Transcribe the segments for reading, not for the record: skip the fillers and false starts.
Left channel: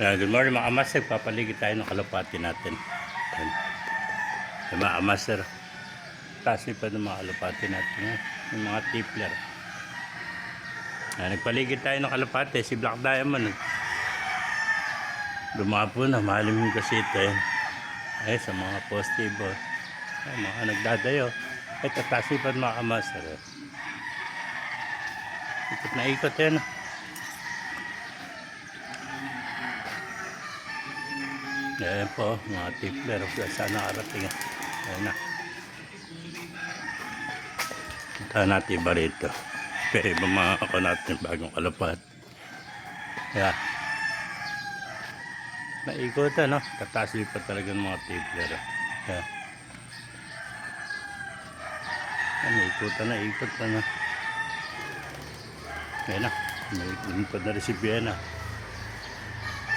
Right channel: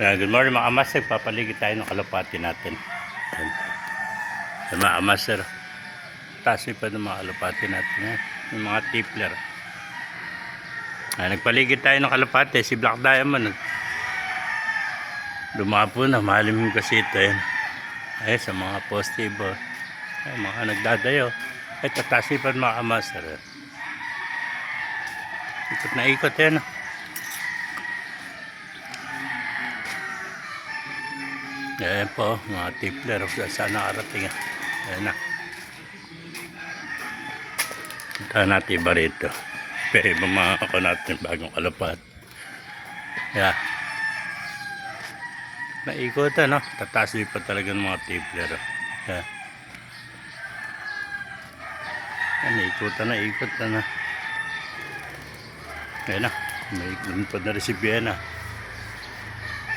Good morning mga master, papaligid tayo ng kalapati natin. Ayan. Ayan, mga master, taas pa ng mga kalapati natin, yung mga tipler. Ayan, nagpaligid tayo ng kalapati, si Black Diamond dumapo na, mahalim yung kasi ito. Ay, sa mga positive, ay, mga nagdadayo. Ay, taas pa ng mga master. Ikot na ikot yan. Ayan po, mga tipler. Saan nakarating? Ayan na. Punta natin iba rito. Pero iba mga ako natin bagong kalapat. Ayan. Naikutan, no? Tataas pa talaga ng mga tipler. Ayan. Ayan, naikutan na, ikutan na. Ayan na. Naikutan na rin si Vienna.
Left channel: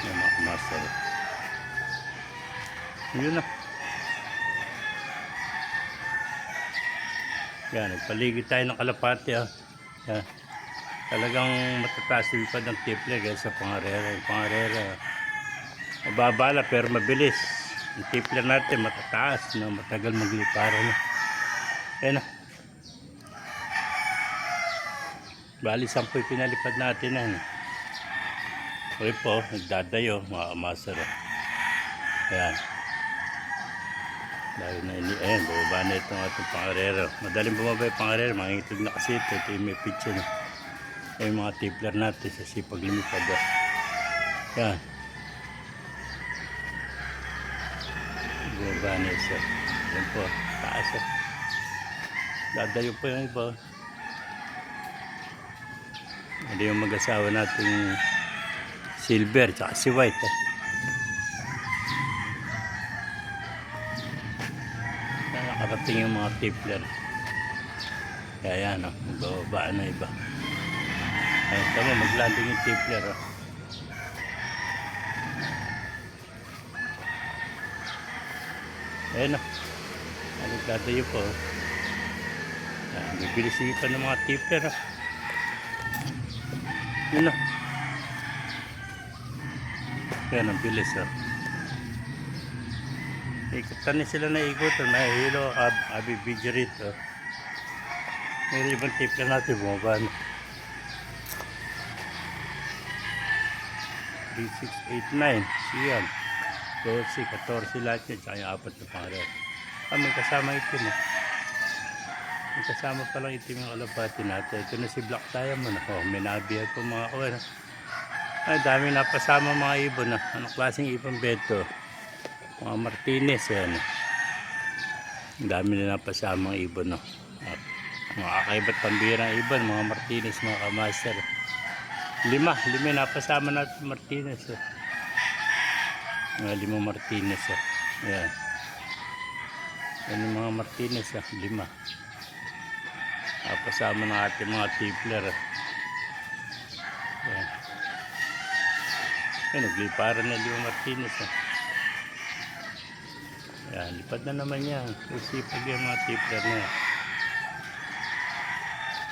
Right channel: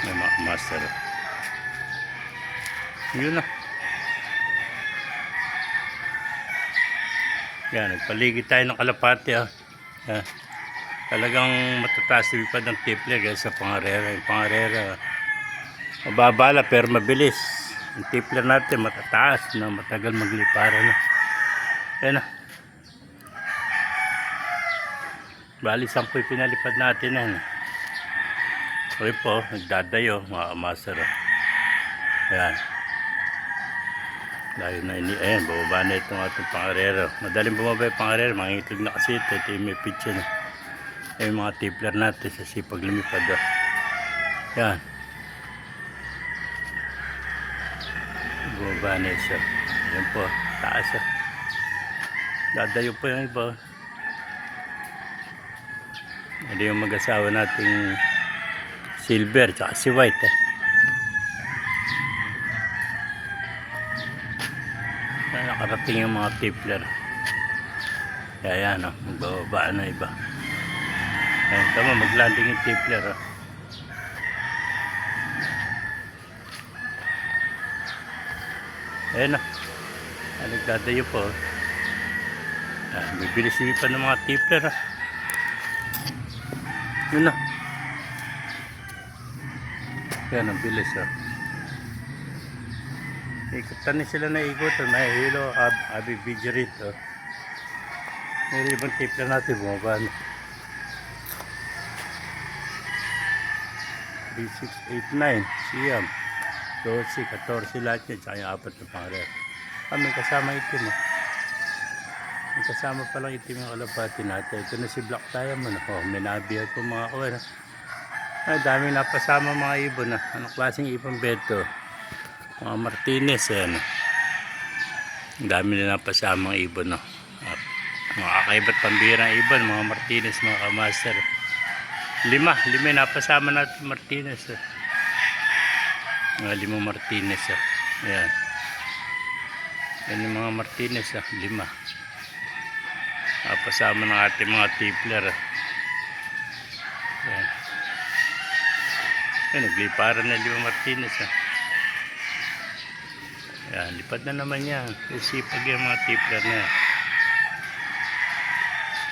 Ayan, mga master. Yun na. Yan, nagpaligid tayo ng kalapati. Yan. Talagang matataas yung pa ng tipler guys sa pangarera. Yung pangarera mababala pero mabilis. Yung tipler natin matataas na matagal magliparan. Yan na. Bali 10 pinalipad natin yan. Okay po, nagdadayo mga master. Yan. Dahil na ini, ayan, bumaba na itong ating pangarero. Madaling bumaba yung pangarero, mga itlog na kasi ito. Ito yung may picture na. Ayan mga tipler natin sa sipag lumipad. Yan. Bumaba na isa. Ayan po, taas. Dadayo po yung iba. Ito yung mag-asawa nating silver, tsaka si white. Nakarating yung mga tipler. Kaya yan, magbababa na iba. Ayan, tama, maglanding yung tipler. Ayan na. Nagdadayo po. Bibilis pa ng mga tipler. Yun na. Yan, ang bilis. Ikutan na sila na ikutan. May hilo, abi video rito. May ibang tipler natin bumaba na. 3, 6, 8, 9. Siyan. 12, 14 lahat yun. Tsaka yung 4 na pangalan. May kasama itim. May kasama palang itim yung kalapati natin. Ito na si Black Diamond. May nabihan po mga kawan. Dami napasama mga ibon. Anong klaseng ibon beto? Mga Martinez. Ang dami na napasama mga ibon. Mga kakaiba't pambirang ibon. Mga Martinez, mga kamaster. 5 napasama natin Martinez. Mga 5 Martinez. Ayan. Yan yung mga Martinez. 5 napasama ng ating mga tipler. Ayan. Ayan, nagliparan na 5 Martinez. Ayan, lipad na naman yan. Sipag yung mga tipler na yan.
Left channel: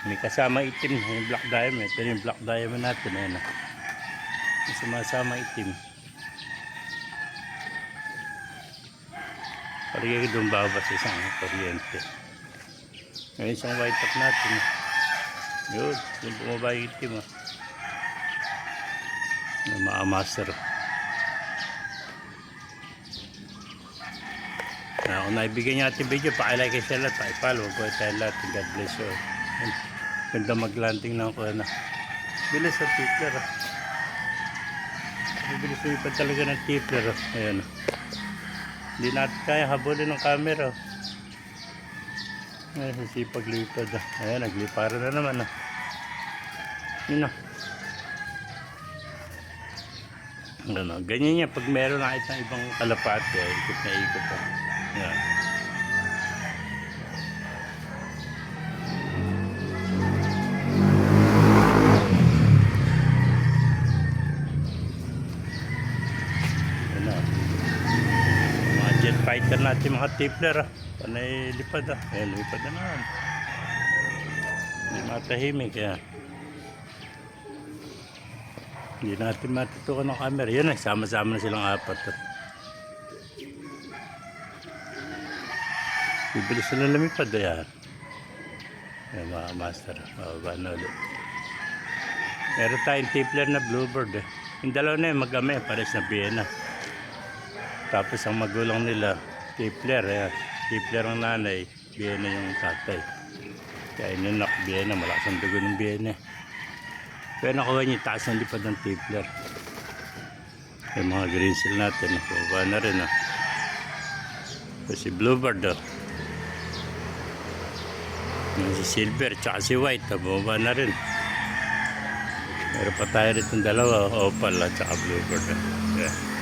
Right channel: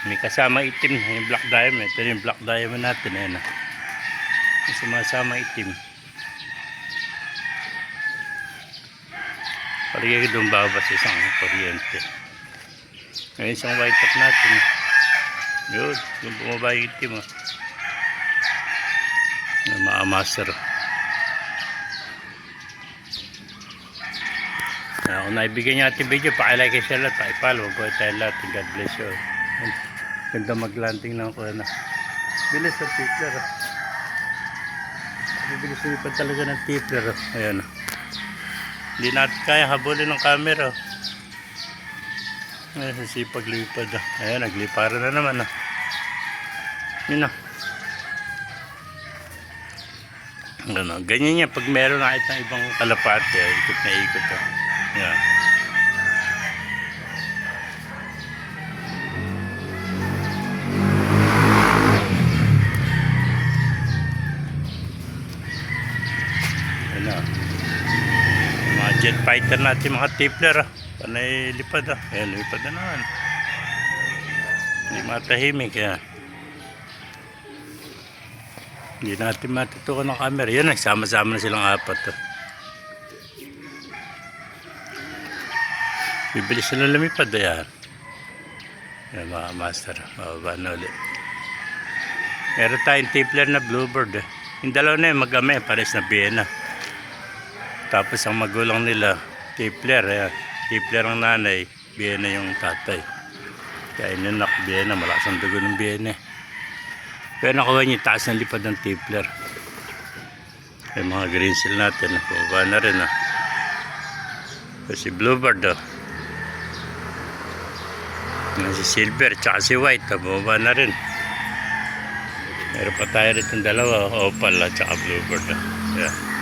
May kasama itim, yung Black Diamond. Ito yung Black Diamond natin. Ayan. May sumasama itim. Paligay ko doon babas isang kuryente. Ngayon isang white top natin. Yun, yung bumaba yung itim. Yung mga master. Kung naibigyan niya ating video, pakilike kayo sa lahat, pakipalo. Huwag tayo lahat. God bless you. Ganda maglanding lang ko na. Bilis ang tipler. Bibilis pa talaga ng tipler. Ayan. Hindi natin kaya habulin ng camera. Ayan, sisipag lipad. Ayan, nagliparan na naman. Yun na. Ganyan yan pag meron na itang ibang kalapate. Ikot na ikot. Ayan. Jet fighter natin mga tipler. Panay lipad. Ayan, lipad na naman. Hindi matahimik. Hindi natin matutukan ng camera. Yan, nagsama-sama na silang apat. Oh. Bibilis sila lumipad. Ayan. Yan mga master. Mababa na ulit. Meron tayong tippler na bluebird. Eh. Yung dalawa na yun, mag-ame. Pares na Vienna. Tapos ang magulang nila, tippler. Ayan. Tippler ang nanay. Vienna yung tatay. Kaya yun nak Vienna. Malakas ang dugo ng Vienna. Pero nakuha niyo taas ng lipad ng tippler. Yung mga green seal natin. Bumaba na rin. So, si bluebird. Si silver tsaka si white. Bumaba na rin. Meron pa tayo rin itong dalawa. Opal at tsaka bluebird. Yeah.